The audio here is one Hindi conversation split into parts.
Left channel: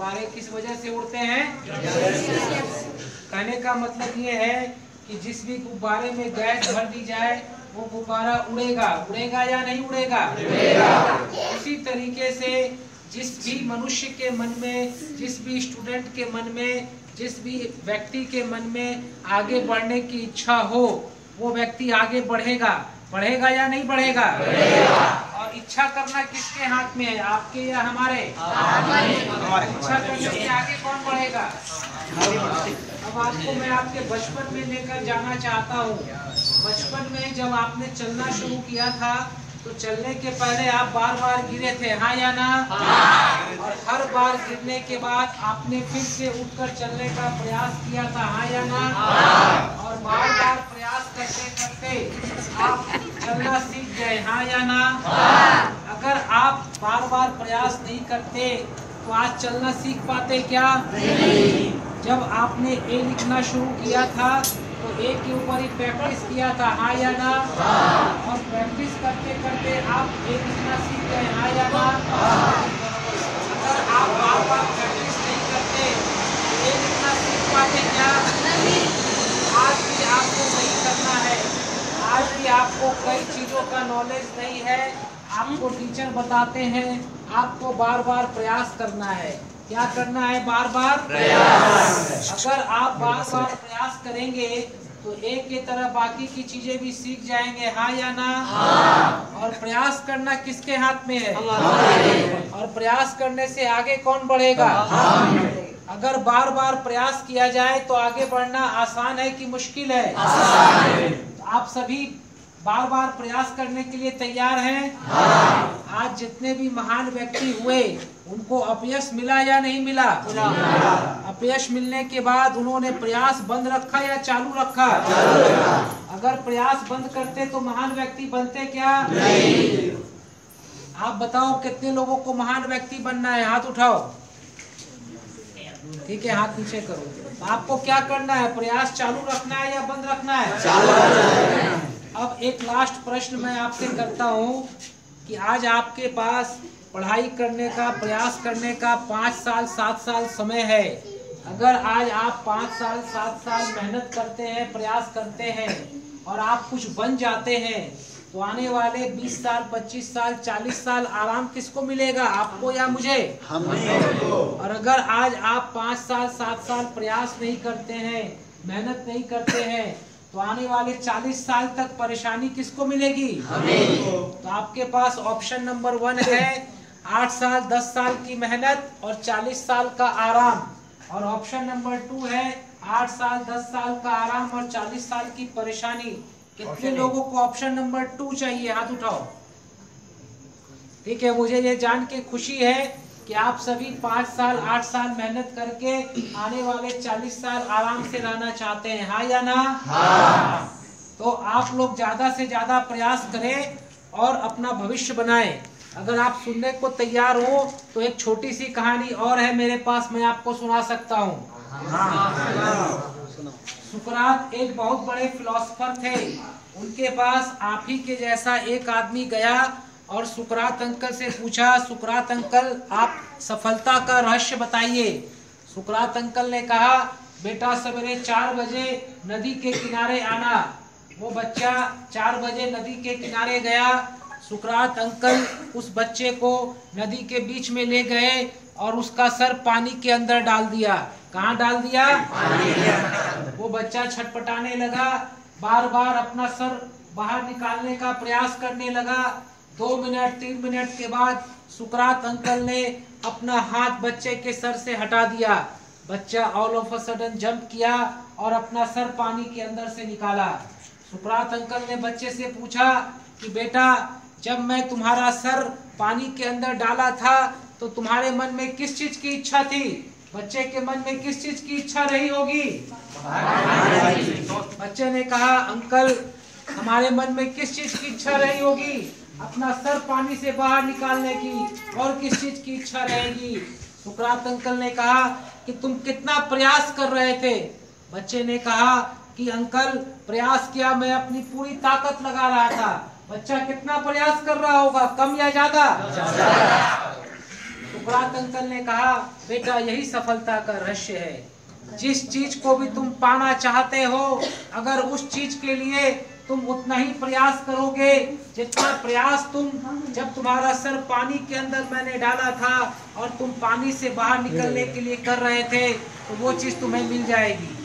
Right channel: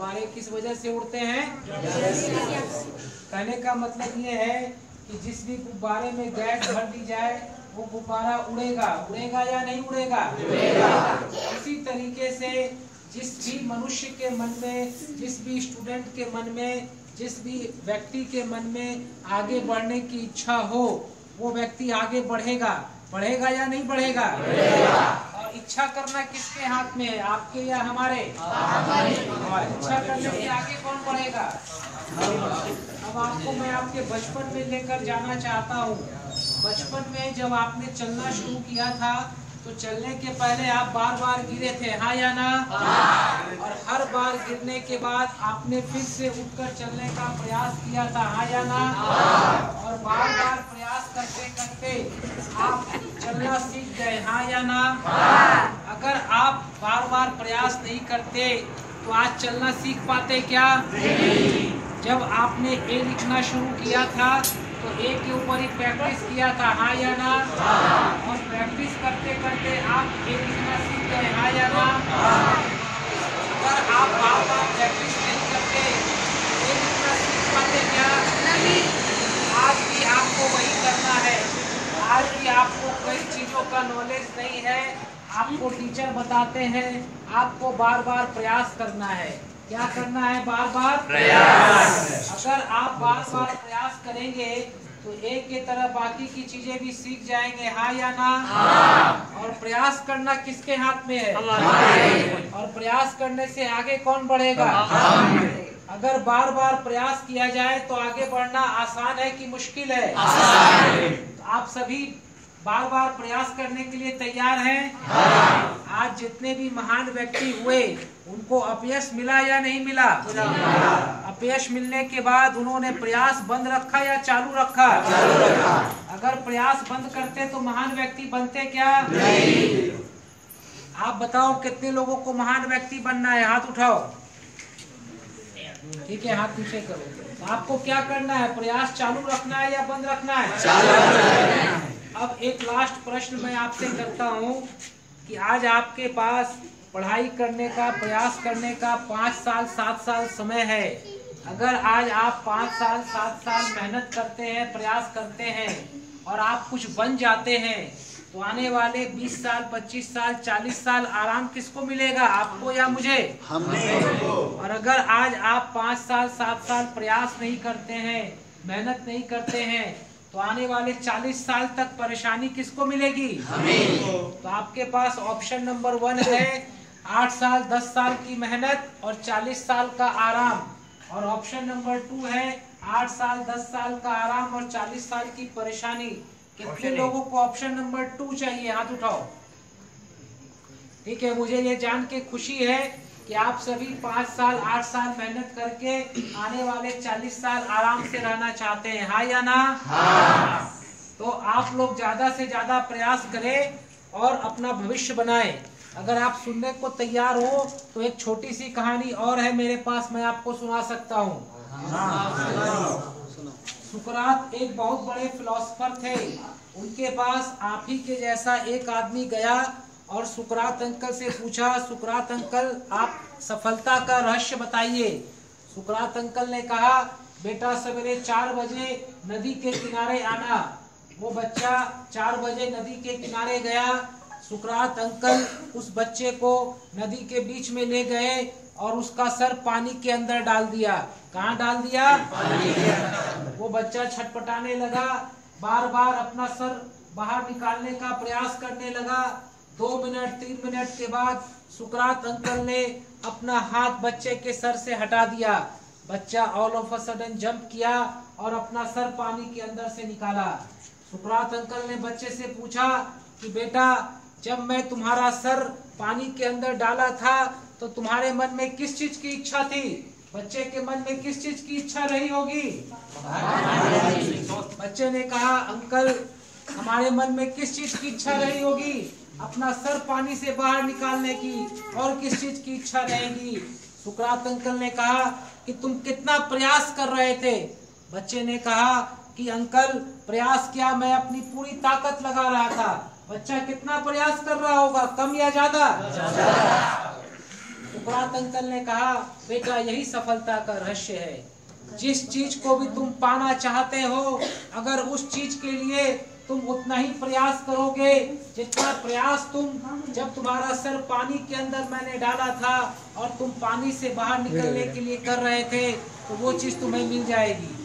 गुब्बारे किस वजह से उड़ते हैं? कहने का मतलब ये है कि जिस भी गुब्बारे में गैस भर दी जाए वो गुब्बारा उड़ेगा। उड़ेगा या नहीं उड़ेगा? इसी तरीके से जिस भी मनुष्य के मन में, जिस भी स्टूडेंट के मन में, जिस भी व्यक्ति के मन में आगे बढ़ने की इच्छा हो वो व्यक्ति आगे बढ़ेगा। बढ़ेगा या नहीं बढ़ेगा? और इच्छा करना किसके हाथ में है, आपके या हमारे? इच्छा करने से आगे कौन बढ़ेगा? अब आपको मैं आपके बचपन में लेकर जाना चाहता हूँ। बचपन में जब आपने चलना शुरू किया था तो चलने के पहले आप बार बार गिरे थे, हाँ या ना? और हर बार गिरने के बाद आपने फिर से उठकर चलने का प्रयास किया था, हाँ या ना? और बार बार प्रयास करते करते आप चलना सीख गए, हाँ या ना? अगर आप बार बार प्रयास नहीं करते तो आज चलना सीख पाते क्या? जब आपने ए लिखना शुरू किया था तो ए के ऊपर ही प्रैक्टिस किया था, हाँ या ना? और प्रैक्टिस करते करते आप ए लिखना सीख गए, हाँ या ना? अगर आप बार बार प्रैक्टिस नहीं करते तो ए लिखना सीख पाते क्या? आज भी आपको वही करना है। आज भी आपको कई चीजों का नॉलेज नहीं है, आपको टीचर बताते हैं, आपको बार बार प्रयास करना है। क्या करना है? बार बार प्रयास। अगर आप बार बार प्रयास करेंगे तो एक की तरह बाकी की चीजें भी सीख जाएंगे, हाँ या ना? और प्रयास करना किसके हाथ में है? और प्रयास करने से आगे कौन बढ़ेगा? अगर बार बार प्रयास किया जाए तो आगे बढ़ना आसान है कि मुश्किल है? आप सभी बार बार प्रयास करने के लिए तैयार हैं? आज जितने भी महान व्यक्ति हुए उनको अपयश मिला या नहीं मिला? अपयश मिलने के बाद उन्होंने प्रयास बंद रखा या चालू रखा? अगर प्रयास बंद करते तो महान व्यक्ति बनते क्या? नहीं। आप बताओ कितने लोगों को महान व्यक्ति बनना है? हाथ उठाओ। ठीक है, हाथ नीचे करो। आपको क्या करना है? प्रयास चालू रखना है या बंद रखना है? चालू रखना है। अब एक लास्ट प्रश्न मैं आपसे करता हूँ कि आज आपके पास पढ़ाई करने का, प्रयास करने का 5 साल 7 साल समय है। अगर आज आप 5 साल 7 साल मेहनत करते हैं, प्रयास करते हैं और आप कुछ बन जाते हैं तो आने वाले 20 साल 25 साल 40 साल आराम किसको मिलेगा, आपको या मुझे? हमें। और अगर आज आप 5 साल 7 साल प्रयास नहीं करते हैं, मेहनत नहीं करते हैं तो आने वाले 40 साल तक परेशानी किसको मिलेगी? हमें। तो आपके पास ऑप्शन नंबर 1 है 8 साल 10 साल की मेहनत और 40 साल का आराम, और ऑप्शन नंबर 2 है 8 साल 10 साल का आराम और 40 साल की परेशानी। कितने लोगों को ऑप्शन नंबर 2 चाहिए? हाथ उठाओ। ठीक है, मुझे ये जान के खुशी है कि आप सभी 5 साल 8 साल मेहनत करके आने वाले 40 साल आराम से रहना चाहते हैं, हाँ या ना? हाँ। तो आप लोग ज्यादा से ज्यादा प्रयास करें और अपना भविष्य बनाएं। अगर आप सुनने को तैयार हो तो एक छोटी सी कहानी और है मेरे पास, मैं आपको सुना सकता हूँ। सुकरात एक बहुत बड़े फिलोसोफर थे। उनके पास आप ही के जैसा एक आदमी गया और सुकरात अंकल से पूछा, सुकरात अंकल आप सफलता का रहस्य बताइए। सुकरात अंकल ने कहा, बेटा सवेरे 4 बजे नदी के किनारे आना। वो बच्चा 4 बजे नदी के किनारे गया। सुकरात अंकल उस बच्चे को नदी के बीच में ले गए और उसका सर पानी के अंदर डाल दिया। कहाँ डाल दिया? पानी के अंदर। वो बच्चा छटपटाने लगा, बार बार अपना सर बाहर निकालने का प्रयास करने लगा। 2 मिनट 3 मिनट के बाद सुकरात अंकल ने अपना हाथ बच्चे के सर से हटा दिया। बच्चा all of a sudden jump किया और अपना सर पानी के अंदर से निकाला। सुकरात अंकल ने बच्चे से पूछा कि बेटा, जब मैं तुम्हारा सर पानी के अंदर डाला था तो तुम्हारे मन में किस चीज की इच्छा थी? बच्चे के मन में किस चीज की इच्छा रही होगी? बच्चे ने कहा, अंकल हमारे मन में किस चीज की इच्छा रही होगी? अपना सर पानी से बाहर निकालने की। और किस चीज की इच्छा रहेगी? सुकरात अंकल ने कहा कि तुम कितना प्रयास कर रहे थे? बच्चे ने कहा कि अंकल प्रयास किया, मैं अपनी पूरी ताकत लगा रहा था। बच्चा कितना प्रयास कर रहा होगा, कम या ज्यादा? सुकरात अंकल ने कहा, बेटा यही सफलता का रहस्य है। जिस चीज को भी तुम पाना चाहते हो, अगर उस चीज के लिए तुम उतना ही प्रयास करोगे जितना प्रयास तुम जब तुम्हारा सर पानी के अंदर मैंने डाला था और तुम पानी से बाहर निकलने के लिए कर रहे थे, तो वो चीज तुम्हें मिल जाएगी।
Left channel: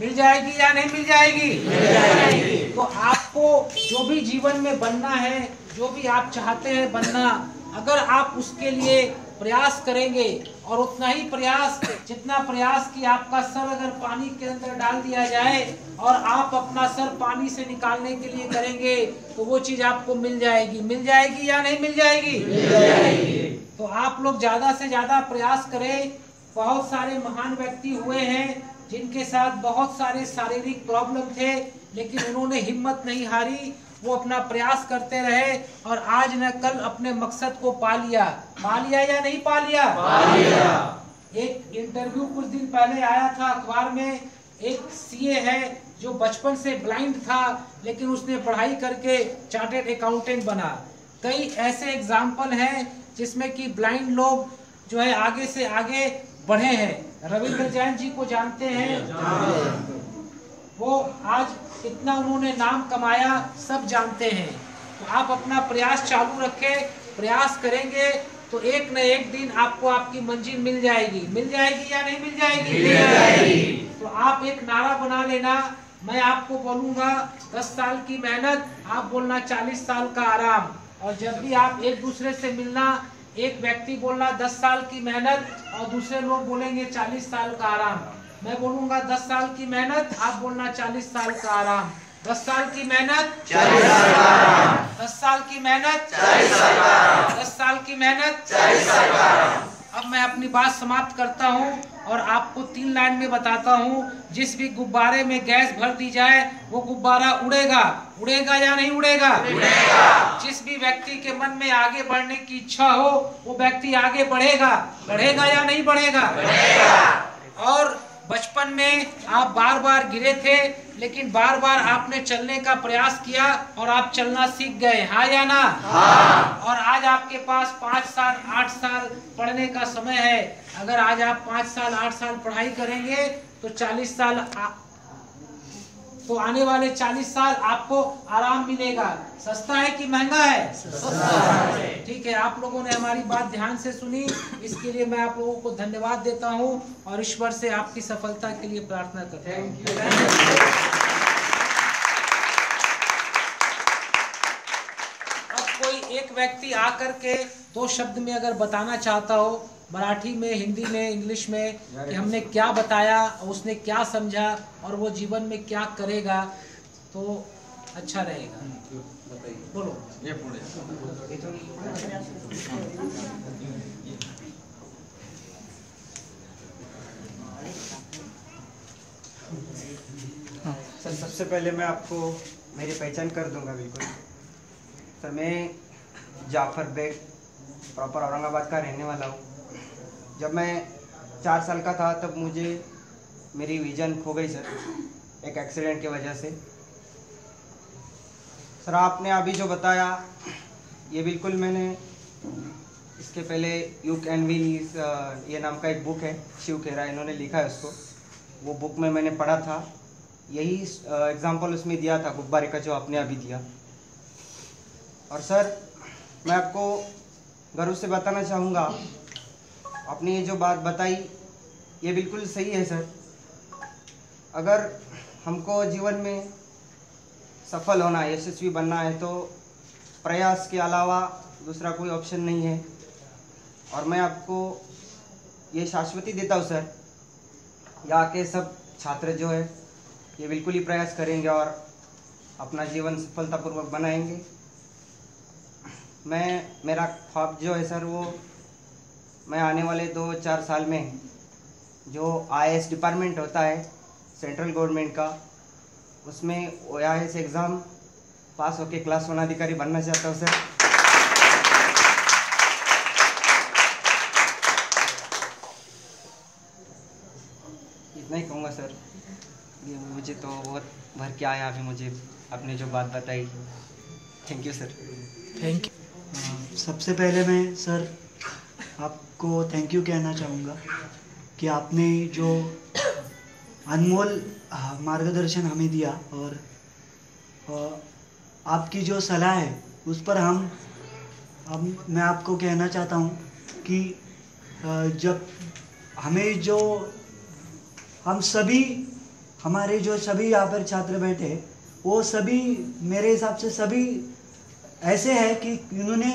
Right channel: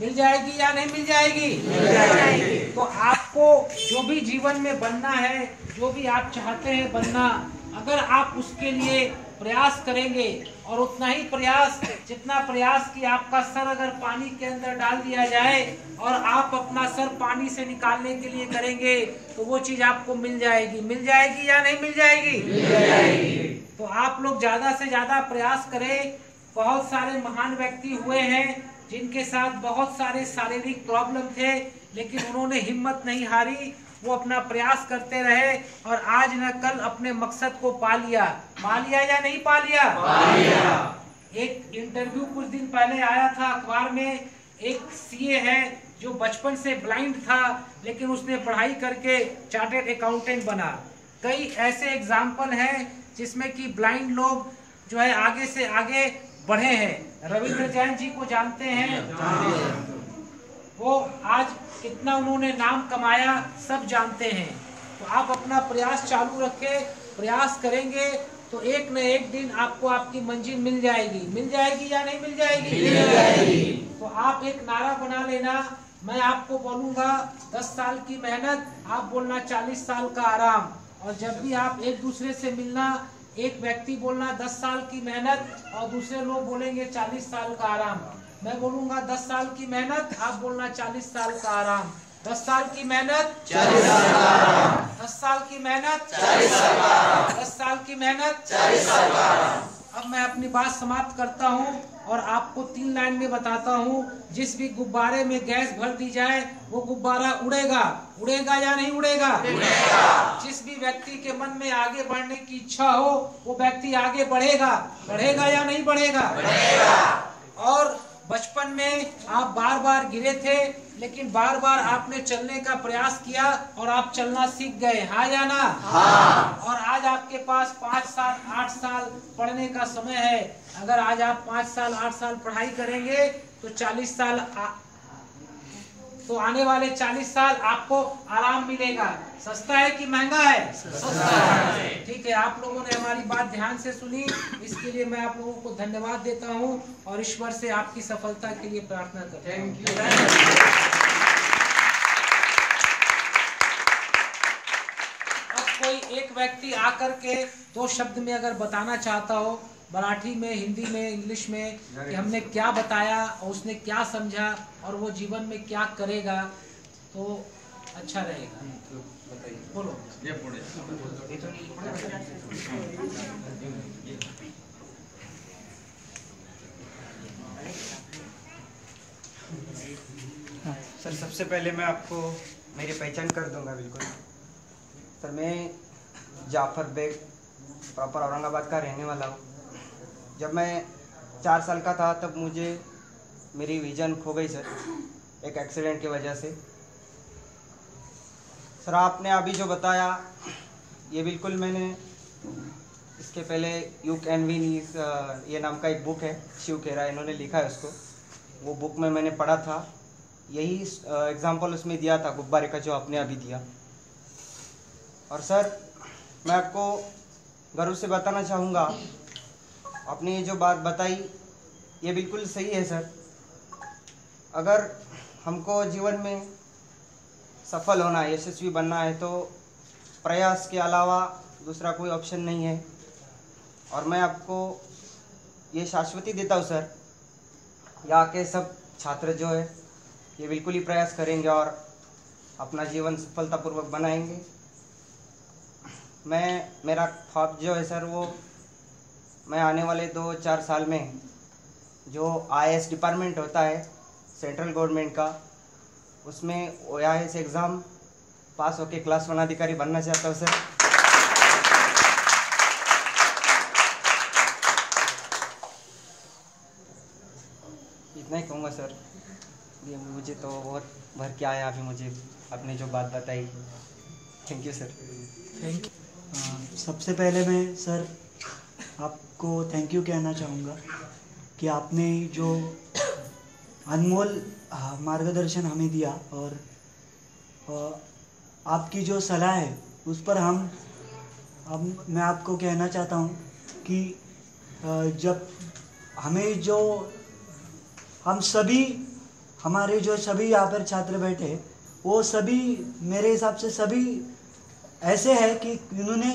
मिल जाएगी या नहीं मिल जाएगी? मिल जाएगी। तो आपको जो भी जीवन में बनना है, जो भी आप चाहते हैं बनना, अगर आप उसके लिए प्रयास करेंगे और उतना ही प्रयास, जितना प्रयास कि आपका सर अगर पानी के अंदर डाल दिया जाए और आप अपना सर पानी से निकालने के लिए करेंगे, तो वो चीज आपको मिल जाएगी। मिल जाएगी या नहीं मिल जाएगी? मिल जाएगी। तो आप लोग ज्यादा से ज्यादा प्रयास करें। बहुत सारे महान व्यक्ति हुए हैं जिनके साथ बहुत सारे शारीरिक प्रॉब्लम थे, लेकिन उन्होंने हिम्मत नहीं हारी, वो अपना प्रयास करते रहे और आज न कल अपने मकसद को पा लिया। पा लिया या नहीं पा लिया? पा लिया। एक इंटरव्यू कुछ दिन पहले आया था अखबार में, एक सीए है जो बचपन से ब्लाइंड था, लेकिन उसने पढ़ाई करके चार्टर्ड अकाउंटेंट बना। कई ऐसे एग्जाम्पल हैं जिसमें कि ब्लाइंड लोग जो है आगे से आगे बढ़े हैं। रविंद्र जैन जी को जानते हैं, वो आज कितना उन्होंने नाम कमाया सब जानते हैं। तो आप अपना प्रयास चालू रखें, प्रयास करेंगे तो एक न एक दिन आपको आपकी मंजिल मिल जाएगी। मिल जाएगी या नहीं मिल जाएगी? मिल जाएगी। तो आप एक नारा बना लेना, मैं आपको बोलूंगा 10 साल की मेहनत, आप बोलना 40 साल का आराम। और जब भी आप एक दूसरे से मिलना, एक व्यक्ति बोलना 10 साल की मेहनत और दूसरे लोग बोलेंगे 40 साल का आराम। मैं बोलूंगा 10 साल की मेहनत, आप बोलना 40 साल का आराम। 10 साल की मेहनत, 40 साल का आराम। 10 साल की मेहनत, 40 साल का आराम। 10 साल की मेहनत, 40 साल का आराम। अब मैं अपनी बात समाप्त करता हूँ और आपको 3 लाइन में बताता हूँ। जिस भी गुब्बारे में गैस भर दी जाए वो गुब्बारा उड़ेगा। उड़ेगा या नहीं उड़ेगा? उड़ेगा। जिस भी व्यक्ति के मन में आगे बढ़ने की इच्छा हो वो व्यक्ति आगे बढ़ेगा। बढ़ेगा या नहीं बढ़ेगा? बढ़ेगा। और बचपन में आप बार बार गिरे थे, लेकिन बार बार आपने चलने का प्रयास किया और आप चलना सीख गए, हाँ या ना? हाँ। और आज आपके पास 5 साल 8 साल पढ़ने का समय है। अगर आज आप 5 साल 8 साल पढ़ाई करेंगे तो 40 साल तो आने वाले 40 साल आपको आराम मिलेगा। सस्ता है कि महंगा है? सस्ता है। ठीक है, आप लोगों ने हमारी बात ध्यान से सुनी, इसके लिए मैं आप लोगों को धन्यवाद देता हूं और ईश्वर से आपकी सफलता के लिए प्रार्थना करता हूं। अब कोई एक व्यक्ति आकर के 2 शब्द में अगर बताना चाहता हो, मराठी में, हिंदी में, इंग्लिश में, कि हमने क्या बताया और उसने क्या समझा और वो जीवन में क्या करेगा, तो अच्छा रहेगा। बोलो। सर, सबसे पहले मैं आपको मेरी पहचान कर दूंगा बिल्कुल। सर, मैं जाफर बेग प्रॉपर औरंगाबाद का रहने वाला हूँ। जब मैं 4 साल का था तब मुझे मेरी विजन खो गई सर, एक एक्सीडेंट की वजह से। सर, आपने अभी जो बताया ये बिल्कुल मैंने इसके पहले यू कैन विन ये नाम का एक बुक है, शिव खेरा इन्होंने लिखा है उसको, वो बुक में मैंने पढ़ा था। यही एग्जाम्पल उसमें दिया था गुब्बारे का जो आपने अभी दिया। और सर, मैं आपको गर्व से बताना चाहूँगा, आपने ये जो बात बताई ये बिल्कुल सही है सर। अगर हमको जीवन में सफल होना है, यशस्वी बनना है, तो प्रयास के अलावा दूसरा कोई ऑप्शन नहीं है। और मैं आपको ये शाश्वती देता हूँ सर, यहाँ के सब छात्र जो है ये बिल्कुल ही प्रयास करेंगे और अपना जीवन सफलतापूर्वक बनाएंगे। मेरा ख्वाब जो है सर, वो मैं आने वाले 2-4 साल में जो IAS डिपार्टमेंट होता है सेंट्रल गवर्नमेंट का, उसमें OAS एग्ज़ाम पास होके क्लास 1 अधिकारी बनना चाहता हूँ सर। इतना ही कहूँगा सर। ये मुझे तो बहुत भर के आया अभी मुझे आपने जो बात बताई। Thank you sir. Thank you. सबसे पहले मैं सर आप आपको थैंक यू कहना चाहूँगा कि आपने जो अनमोल मार्गदर्शन हमें दिया, और आपकी जो सलाह है उस पर मैं आपको कहना चाहता हूँ कि जब हमें जो हम सभी हमारे जो सभी यहाँ पर छात्र बैठे वो सभी मेरे हिसाब से सभी ऐसे हैं कि इन्होंने